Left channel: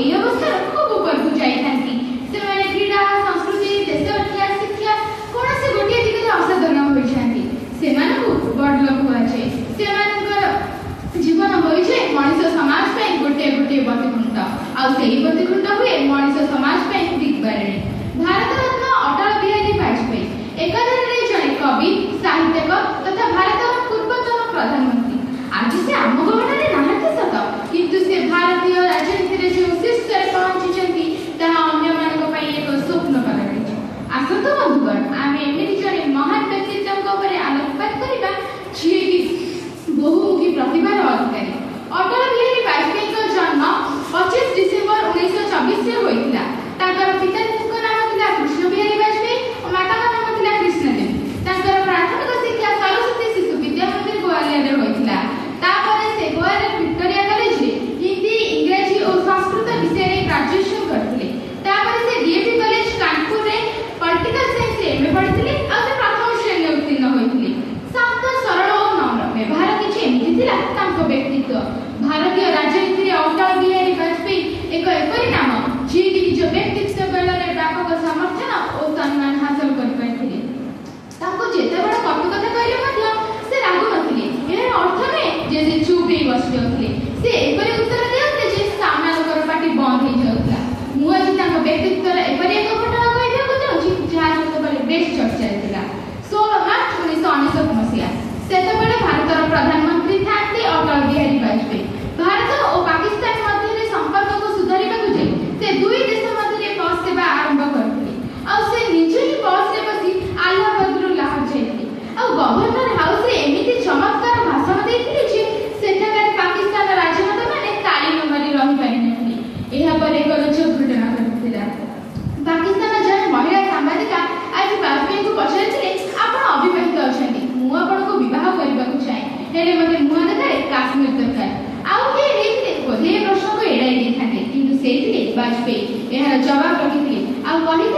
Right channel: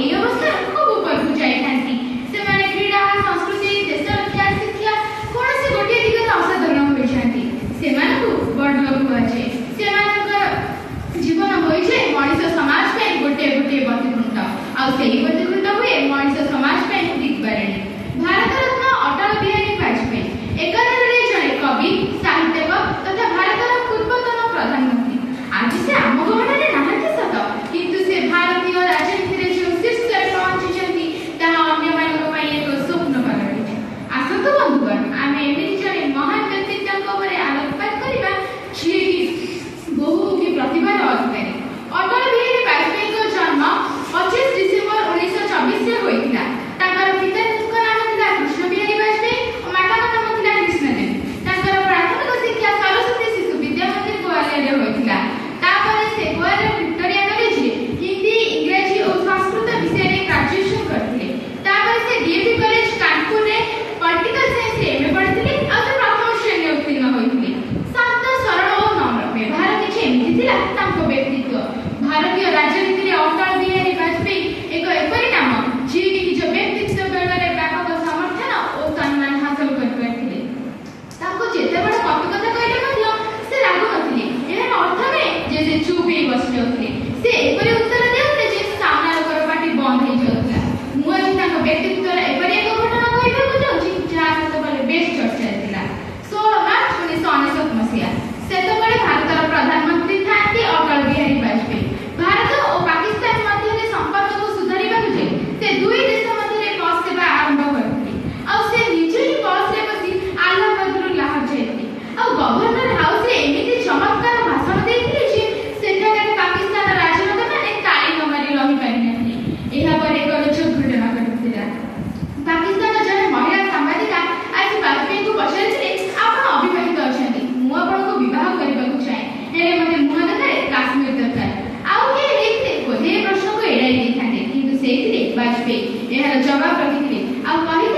এই অবস্থার খুব উপরକୁ ଯାଇଥାନ୍ତି। ସେମାନେ କ୍ରୀଡ଼ା ସଂସ୍କୃତି ଦେଶ ରକ୍ଷା ଶିକ୍ଷା କୌଣସି ଗୋଟିଏ ଦିଗରେ ଅସାଧାରଣ ହୋଇଛନ୍ତି। ସେମାନଙ୍କୁ ବଡ଼ଲୋକ କୁହାଯାଏ। ସେମାନଙ୍କର ଜୀବନ ହୋଇଯାଏ ମଣିଷ ସମାଜ ପାଇଁ ଗୋଟିଏ ଗୋଟିଏ ପ୍ରତିବୃତ୍ତ ଆଉ ସେହି ପ୍ରତିବୃତ୍ତ ହୁଏ ମଣିଷ ସମାଜ ପାଇଁ ଦିଗବାରିଣୀ। ଭାରତରତ୍ନ ଅଟଳ ବିହାରୀ ବାଜପେୟୀ ଏକାଧାରରେ ଜଣେ କବି ସାହିତ୍ୟକ ତଥା ଭାରତର ପୂର୍ବତନ ପ୍ରଧାନମନ୍ତ୍ରୀ। ଆଜି ସେ ଆମ ଗହଣରେ ନାହାନ୍ତି ସତ, କିନ୍ତୁ ସେ ଭାରତୀୟ ରାଜନୀତିରେ ଯେଉଁ ଶୀର୍ଷରେ ପହଞ୍ଚିଛନ୍ତି ତାହା ଅନ୍ୟମାନଙ୍କ ପାଇଁ ଏକ ସ୍ୱପ୍ନ ପାଲଟିଛି। ଆସନ୍ତୁ ବନ୍ଧୁଗଣ, ଆମେ ଏମିତି ଜଣେ ମହାନ ବ୍ୟକ୍ତିତ୍ୱଙ୍କ ଉପରେ ଆଲୋକପାତ କରିବା ଯିଏକି ବହୁମୁଖୀ ପ୍ରତିଭାର ଅଧିକାରୀ। ଅଟଳ ବିହାରୀ ବାଜପେୟୀଙ୍କ ଜନ୍ମ 25 ଡିସେମ୍ବର 1924ରେ ହୋଇଥିଲା। ତାଙ୍କର ପିତାଙ୍କ ନାମ ଥିଲା କୃଷ୍ଣ ବିହାରୀ ବାଜପେୟୀ ଓ ମାତାଙ୍କ ନାମ ଥିଲା କୃଷ୍ଣଦେବୀ। ତାଙ୍କର ପ୍ରାଥମିକ ଶିକ୍ଷା ସରସ୍ୱତୀ ଶିଶୁ ବିଦ୍ୟା ମନ୍ଦିର ଗୋଆଲିୟରେ ହୋଇଥିଲା। ତାପରେ ସେ ଗୋଆର ଭିକ୍ଟୋରିଆ କଲେଜରେ ହିନ୍ଦୀ, ଇଂରାଜୀ ଓ ସଂସ୍କୃତ ବିଷୟରେ ଗ୍ରାଜୁଏସନ କରିଥିଲେ। ତାପରେ ସେ ଡିଏଭି କଲେଜ କାନପୁରରେ ପଲିଟିକାଲ ସାଇନ୍ସରେ ଏମଏ ପଢ଼ିଥିଲେ ଆଉ ସେ ପ୍ରଥମ ଶ୍ରେଣୀରେ ଉତ୍ତୀର୍ଣ୍ଣ ହୋଇଥିଲେ। ଶାନ୍ତ, ସରଳ ଓ ନମ୍ର ବ୍ୟବହାର କିଛି ଏମିତି ଥିଲା ତାଙ୍କ ବ୍ୟକ୍ତିତ୍ୱ। ଭାରତୀୟ ରାଜନୀତିରେ ଅଟଳ ବିହାରୀ ବାଜପେୟୀ ଏକ ଏପରି ନାମ ଯିଏକି ନିଜ ବ୍ୟକ୍ତିତ୍ୱ ବଳରେ ବ୍ୟାପକ ସମର୍ଥନ ଓ ସମ୍ମାନ ହାସଲ କରିପାରିଥିଲେ। ତାଙ୍କୁ ଯେତେବେଳେ କଟୁ କଥା କହିଲେ ମଧ୍ୟ ସେ ରାଗୁ ନଥିଲେ। ଏହାର ଅର୍ଥ ନୁହେଁ ଯେ ସେ ଚୁପ୍ ହେଇ ବସି ଯାଉଥିଲେ। ସେ ଏପରି ଉତ୍ତର ଦେଉଥିଲେ ଯେ ସାମ୍ନା ଲୋକର ପାଟି ବନ୍ଦ ହେଇଯାଉଥିଲା। ମୁଁ ଆଜି ତାଙ୍କ ବ୍ୟକ୍ତିତ୍ୱର ଏପରି ଏକ ଘଟଣା କହିବାକୁ ଚାହୁଁଛି ଯାହା ସେତେବେଳେ ବେଶ ଚର୍ଚ୍ଚାରେ ଥିଲା। 16 ମାର୍ଚ୍ଚ 1999 ମସିହା। ସେତେବେଳେ ଭାରତର ପ୍ରଧାନମନ୍ତ୍ରୀ ଥାନ୍ତି ଅଟଳ ବିହାରୀ ବାଜପେୟୀ। ଭାରତ ଓ ପାକିସ୍ତାନ ମଧ୍ୟରେ ସମ୍ପର୍କକୁ ସୁଧାରିବାକୁ ଯାଇ ସେ ଦୁଇ ଦେଶ ମଧ୍ୟରେ ବସ୍ ସେବା ଆରମ୍ଭ କରିଥିଲେ। ଆଉ ସେ ନିଜେ ହିଁ ବସ୍ରେ ବସି ଆହ୍ଲାବାଦରୁ ଲାହୋର ଯାଇଥିଲେ। ଆଉ ଗଭର୍ଣ୍ଣର ହାଉସରେ ଏମିତି ଚମତ୍କାର ଭାଷଣ ଦେଇଥିଲେ ଯେ ସେଠାକାର ପାକିସ୍ତାନ ରାଜନେତାମାନେ ତାଳି ନ ମାରି ରହିପାରିନଥିଲେ। ଏହାପରେ ଏକ ରୋଚକ ଘଟଣା ଘଟିଥିଲା। ପାକିସ୍ତାନ ଜଣେ ମହିଳା ସାମ୍ବାଦିକା ଆଜି ବାଜପେୟୀଙ୍କୁ ପଚାରିଥିଲେ, ଆପଣ ଅବିବାହିତ ଅଛନ୍ତି, ମୁଁ ଆପଣଙ୍କୁ ବିବାହ କରିବାକୁ ଚାହେଁ, ହେଲେ ମୋତେ ମୁହଁ ଦେଖାଏ କାଶ୍ମୀର ଦରକାର। ଆଉ କିଏ ହେଇଥିଲେ ବୋଧେ ଏ ପ୍ରଶ୍ନକୁ ଏଡ଼ାଇ ଦେଇଥାନ୍ତେ, କିନ୍ତୁ ସେଇଥିଲେ ବାଜପେୟୀ ଏହାର ଜବାବ ରଖିଥିଲେ ଆଉ କହିଥିଲେ